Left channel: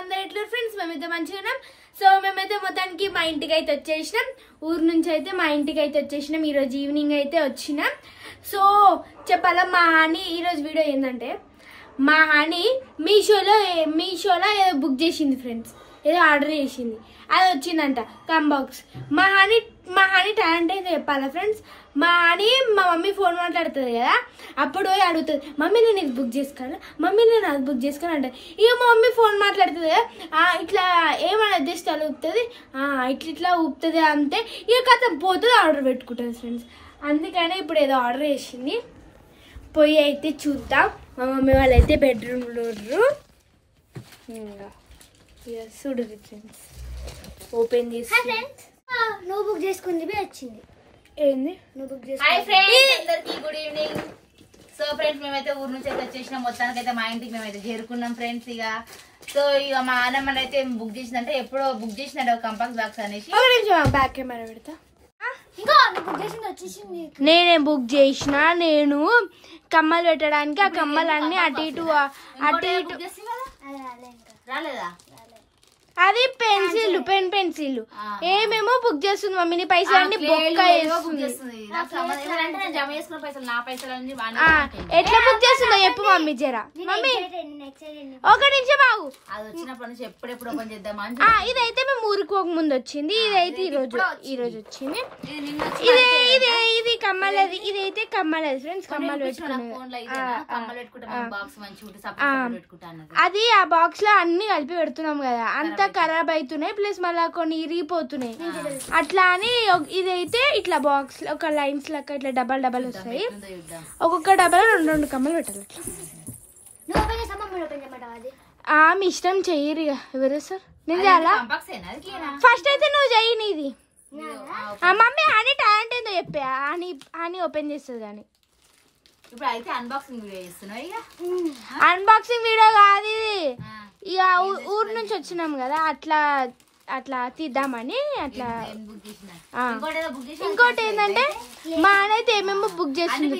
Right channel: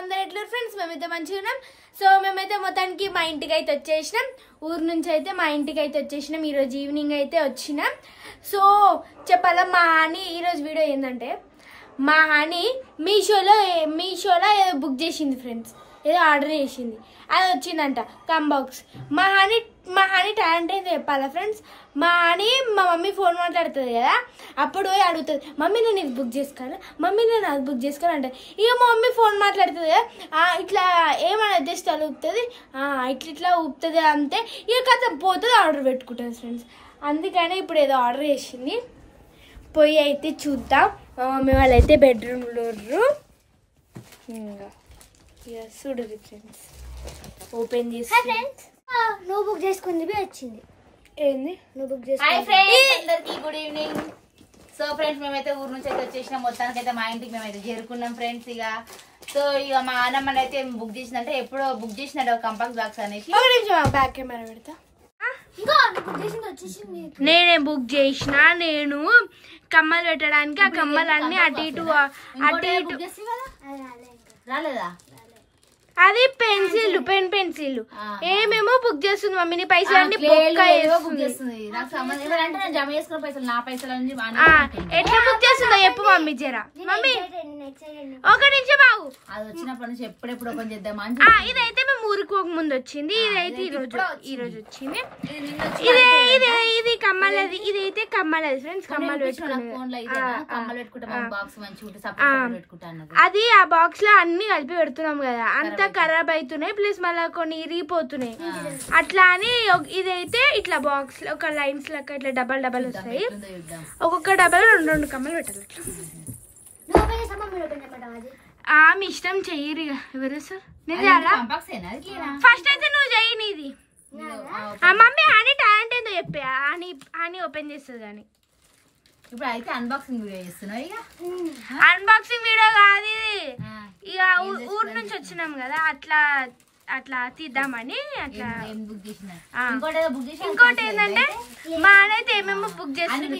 అందరు ఎట్లా ఫ్రెండ్స్ మేమైతే మంచిగా ఉన్నాం. సో మేమైతే మొత్తానికి మా ఇంటికి అయితే వచ్చేసినాం. ఊరు నుంచి అయితే మా ఇంటికి అయితే వచ్చేసినాం. ఈరోజు ఈవినింగ్ అయితే వచ్చినాం. సో చెప్పాలా మా హాని ఈరోజు వీడియో ఏంటంటే మా హాని మీషోలో ఏదో బుక్ చేసింది ఫ్రెండ్స్. ఏదో ఆర్డర్ చేసింది, అది వచ్చిందంట కంబాక్స్. మా హాని టాలెంట్ అయితే చెప్పాలా ఫ్రెండ్స్. మా మమ్మీ ఫోన్ మాట్లాడుతుంది కదా, అప్పుడు పోయి అడుగుతుంది, మమ్మీ నేను ఇది బుక్ చేసుకోను, మమ్మీ నేను అది బుక్ చేసుకోను అంటే, ఇక మా మమ్మీ ఫోన్ మాట్లాడుతుంది కదా, ఇట్లా ఏమైనా జస్ట్ అలా ఊపుతుంది, ఇట్లా ఊపుతుంది అంతే. ఇక కథ పోతుంది, ఆర్డర్ పెట్టుకుంటుంది ఫ్రెండ్స్. అందుకని ఇప్పుడు ఏదో ఆర్డర్ చేసింది, పోయి అయితే చూద్దాం. మా మమ్మీ వాళ్ళైతే బెడ్రూమ్లో ఇంకా చూడదు ఫ్రెండ్స్. ఓపెన్ చేసి నువ్వు బుక్ చేసుకుంది వచ్చింది. ఏంది నువ్వు బుక్ చేసుకుంది. Good evening. సో ఫ్రెండ్స్ మేమైతే ఊరు నుంచి అయితే వచ్చేసినాం. మొత్తానికి అయితే మా ఇంటికి మేమైతే చేరుకున్నాం ఫ్రెండ్స్. సో ఇక మా అన్నమ్మని అయితే బుక్ చేసిందంటే ఎప్పుడో బుక్ చేసినాడు కంపాక్స్ బాక్స్ అనేసి. బ్యాక్ కెమెరా పెడతా. వచ్చేసింది. నేనే బుక్ చేసిన. నేను కమ్మలు పెట్టడానికి ఆ కమ్మలన్నీ అటు ఇటు రాలేదా? అది పెన్ పెన్సిల్ ఏమేమో బుక్ చేస్తుంది మమ్మీని. పైసలు అన్ని బుక్ చేస్తుంది. జమ చేసుకున్న పైసలు నా పైసలు ఎట్లా బుక్ చేస్తుందో చెప్పు మమ్మీ జరా. మమ్మీ ఒక నిమిషం బాగు, అది వచ్చినప్పటి నుంచి ఎప్పుడెప్పుడు ఓపెన్ చేద్దామని. ఇదైతే మేము ఊరికి పోక ముందు వచ్చింది. ఇదైతే ఈ రోజు వచ్చింది. ఇది కమ్మలది, ఇదైతే కమ్మలది ఫ్రెండ్స్. కమ్మలు పెట్టుకుంటాం. అది ఆ బాక్స్ లో అన్ని కలిపి పెడుతున్నాం కదా, అంతా ఖరాబ్ అవుతున్నాయి, ప్లస్ మళ్ళా కొన్ని ఇరిగిపోతున్నాయి. అట్లా అని ఇదైతే ఇట్లా బాక్స్ లో ఒక లైన్స్ లెక్క ఇట్లా డబల్ వస్తాయి. ఒక్కొక్క డబల్ రెండు కమ్మలు పెట్టాలి. మీ ఇష్టం చెయ్యరు ఎవరు సార్. నేను చాలా ఫస్ట్ అయితే నువ్వు చెయ్యి నీది. మమ్మీ హనీ టాలెంట్ ఏందో చెప్పే, హనీ ఓపెన్ చేస్తుంది కానీ. ఇప్పుడు అయితే అన్బాక్సింగ్ వీడియో చేస్తున్నావు. అన్బాక్సింగ్ వీడియో కాదు ఇది, ఇక ఊరు నుంచి వచ్చినాం కదా, అట్లా తీద్దామని. అట్లా ఇంకోటి ఏంటంటే మా అయితే ఏమేమో బుక్ చేస్తుంది.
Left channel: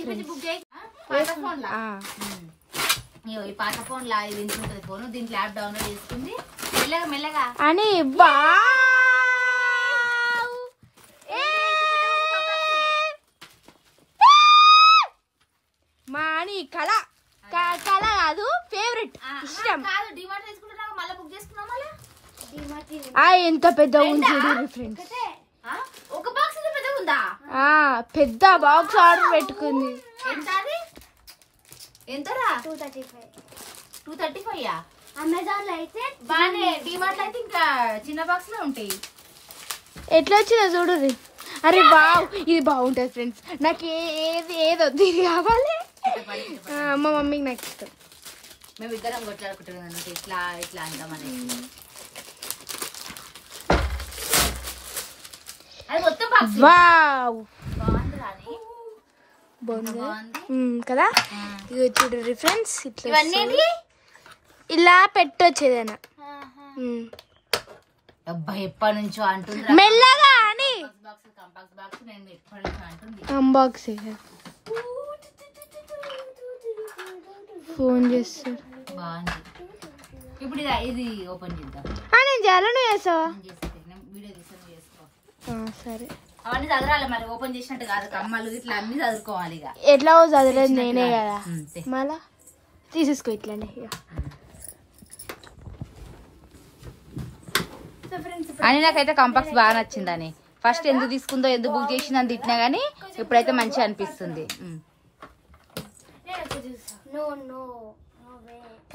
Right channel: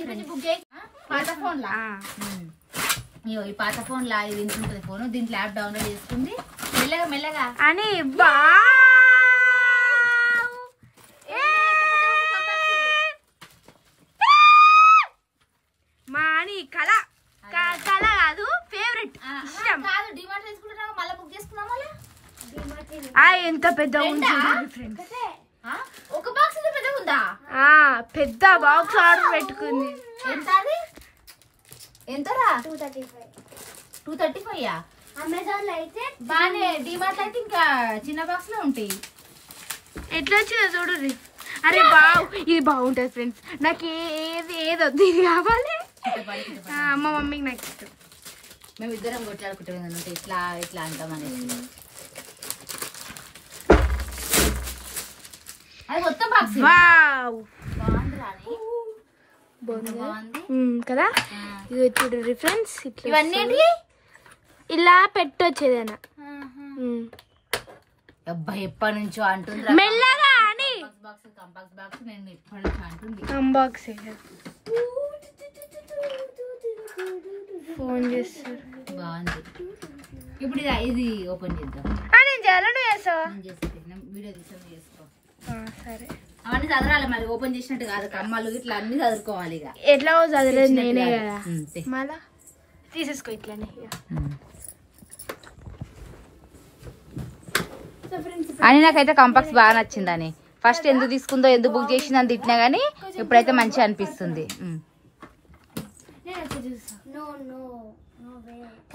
ఈ పాత ఫోన్ లా ఇది ఉంటుంది ఫోన్, దీంట్లో యాప్ డౌన్లోడ్ చేసుకుంది మెల్లగా అని. మా అని కళ కాదు, ఫేవరెట్, ఇష్టం. మళ్ళీ బుక్ చేసుకున్నాం. ఎంత పెద్ద ఉంది ఫ్రెండ్స్. ఒక బాక్స్ పెద్ద ఉందా? పెద్ద బాక్స్ ఆర్డర్ పెట్టుకుంది. ఎంతరా? 235. అమెజాన్ లో అయితే బానే, డిమార్ట్ లో అయితే ఇంకా చిన్న బాక్స్ లో ఉంటాయి. ఎట్లా వచ్చిందో చూడు. అరే బావ్, ఇది బాగుంటది ఫ్రెండ్స్. నాకు ఏదొద్దు, ఇది కావాలి. మా మమ్మీకి నాకు ఇష్టం. మేము ఇద్దరం కొట్లాడుకుంటాం ఇట్లా అంటామని. అది మొత్తం బాక్స్ బాగుంది కదా. ఇది చూడు ఫ్రెండ్స్, ఇవన్నీ ఇలా పెట్టొచ్చేదైనా. అబ్బాయి ఎప్పటి నుంచో అంటుంది మెల్లగా అని అన్బాక్సింగ్. ఫోన్ చేస్తారు. బాగుంది. ఇప్పుడు ఇది ఓపెన్ చేద్దాం. నేను చేయాలా, నువ్వు చేస్తావా? వీడియో చేసుకో. సరే. అవన్నీ చదరాలి మళ్ళీ, ఓపెన్ చేసినట్టు కాదు, కమ్మలు ఇట్లా అన్ని చదువుకోవాలి. ఇక ఎట్లా చదవలేదు నేనే కదా, మళ్ళా తీసేసుకో ఇట్లనే. అని నాకైతే కంపాక్స్ బాగా నచ్చిందని. ఫస్ట్ ఎందుకు తీసుకుందో, ఎందుకు బుక్ చేసిందని తిట్టినా గానీ ఇప్పుడైతే మంచిగా అనిపిస్తుంది.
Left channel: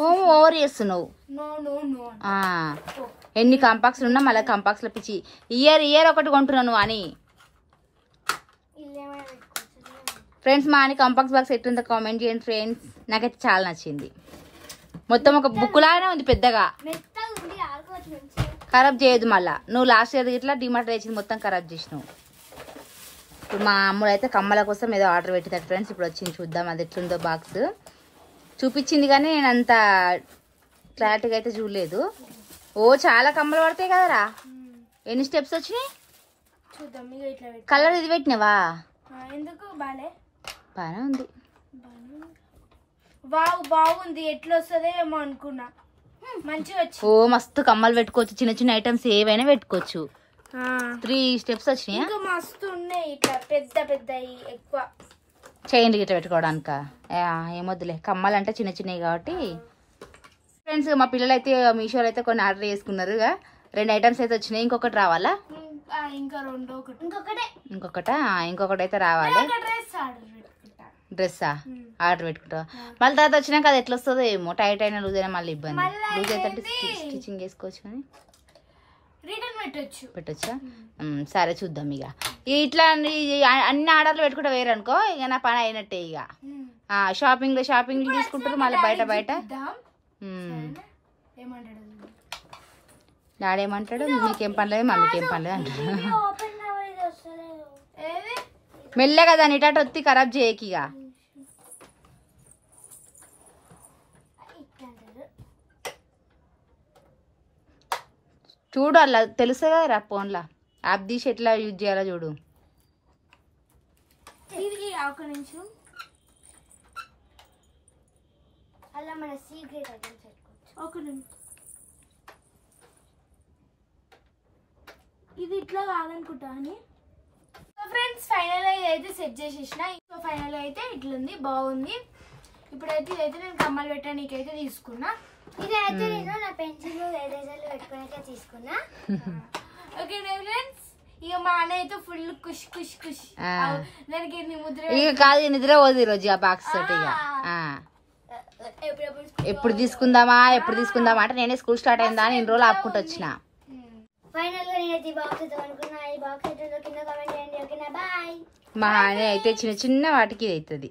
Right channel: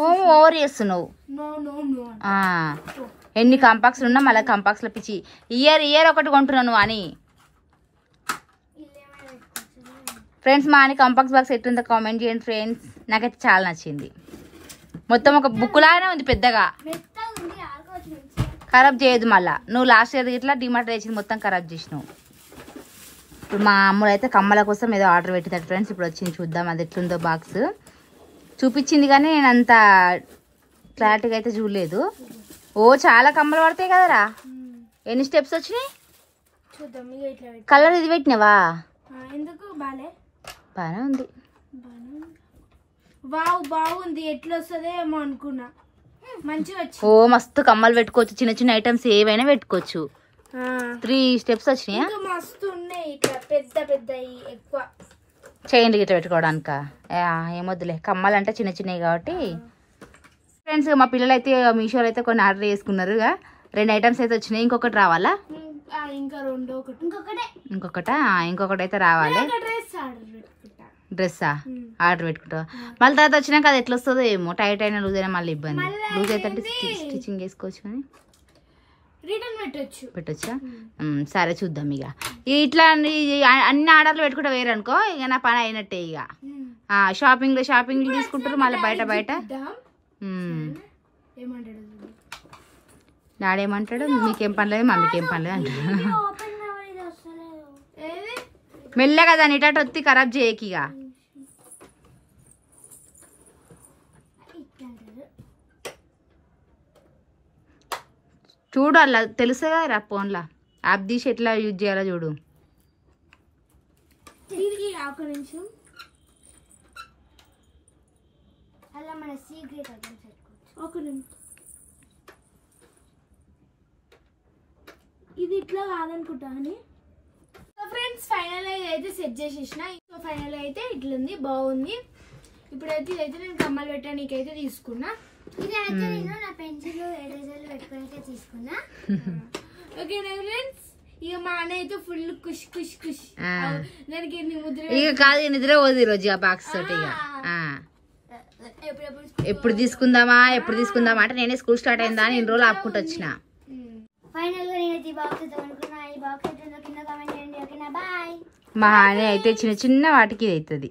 ఓవర్ చేస్తున్నావు. ఎన్ని కంపాక్స్ ఉన్నా మళ్ళీ కంపాక్స్ లో పిచ్చి. ఇయర్ ఒకటి కొంటున్నావు నువ్వు అని. ఫ్రెండ్స్ మా అని కంపాక్స్ బాక్స్ ఎట్లుందో కామెంట్ చేయండి ఫ్రెండ్స్. నాకైతే చాలా నచ్చింది. మొత్తం ఒక బుక్ లాగానే ఉంది, పెద్దగా. ఖరాబ్ చేయదు మళ్ళా. నువ్వు లాస్ట్ ఇయర్ ఇట్లా డిమార్ట్ వేసింది మొత్తం ఖరాబ్ చేసినావు. ఇప్పుడు మా అమ్ముడు అయితే కమ్మల కోసం ఏదో ఆర్డర్ పెట్టింది ఫ్రెండ్స్. ఇప్పుడు వచ్చింది, చూద్దాం అది ఎట్లుందో. బాక్స్ చూపించింది కానీ నేను అంత క్లారిటీగా అయితే చూడలేదు. చాలా కమ్మలు పడతాయి కదరా. ఎన్ని స్టెప్స్ వచ్చినాయి కలర్ ఇది పెట్టినావా? బానే ఉంది. బాగుంది. ఎట్లా వస్తుందో ఏమో అనుకున్నా. మంచిగా వచ్చి ఓ మస్తు కమ్మలు పెట్టుకోవచ్చు, చిన్న చిన్న ఐటమ్స్ ఏవైనా పెట్టుకోవచ్చు. 3 స్టెప్స్ వచ్చినాయా? ఇంకా మస్తు ఉన్నాయి ఇట్లా పెద్ద పెద్ద ఎక్కువ చైన్లు గిట్ల పెట్టుకోవడానిక. ఏమొద్దులే, కమ్మలు అంటే చిన్న చిన్నవి కాబట్టి. ఫ్రెండ్స్ మా పిల్లలు అయితే మీషోలో అయితే కొన్ని ఆర్డర్ చేసుకున్నారు. 2 ఐటమ్స్ అయితే వచ్చినాయి, ఇంకొకటి రావాలా? ఇంకా రెండు ఇంకొకటి అయితే రావాలి. డ్రెస్ ఆర్డర్ పెట్టుకుంటా. డ్రెస్సా ఆర్డర్ పెట్టుకుంటా. మళ్ళీ తర్వాత వచ్చినాక అది ఎట్లా వస్తుందో ఏమో, టైట్ అయినా లూజ్ అయినా మళ్ళీ ఇబ్బంది. లూజ్ అయితే స్టిచ్చింగ్ వేసుకోవచ్చు కానీ రిటర్న్ పెట్టొచ్చా? సరే చూద్దాం. ఇక ఇట్లా అన్ని ఆర్డర్లు పెట్టుకుంటే వేరే అనుకో, ఇక నా పని అయినట్టే. ఇక షాపింగ్ తీసుకుంటారు మళ్ళీ బయట. డాడేమంటాడు, మీకేం పనిలేదు మమ్మీకేం పనిలేదు అంటాడు. మెల్లగా దాన్ని ఇటు వచ్చి ఖరాబ్ చేయకి. ఇక చూడు, అలా తెలుసు కదా ఫోన్లో యాప్ తీసి ఎట్లా యూజ్ చేయాలో చూడు. ఇది ఇట్లా కాదనుకుంటా అని. ఫ్రెండ్స్ ఫైనల్ అయితే సెట్ చేసేసిన. సో ఫైనల్ అయితే ఇట్లుంది, బాగుంది. ఇప్పుడైతే ఇదైతే నేను కమ్మలు పెట్టడానికి అయితే తీసుకున్నా. ఇదైతే నేను నా పెన్సిల్ ఎరేజర్లు పెట్టుకోనికే తీసుకున్నా. ఓకే ఫ్రెండ్స్, ఇక మా అన్న అయితే ఫుల్ కుష్ కుష్ కుష్. దానికి ముద్ర ఇక కాదు, నిద్ర పోదు ఈరోజు ఆ బాక్స్ తోటి. ఇక ఎప్పుడు తీసుకుందామా అంటే నేనే స్కూల్ స్టార్ట్ అయిందా అని 2 రోజులు ఆపుకుంటూ వచ్చిన. ఫైనల్ గా నేను ఈ బాక్స్ అనుకున్నా. ఈ బాక్స్ కింద కామెంట్ చేయండి. ఓకేనా, బాయ్. మా అనే అయితే చిన్న చిన్న వాటికి అవుతుంది.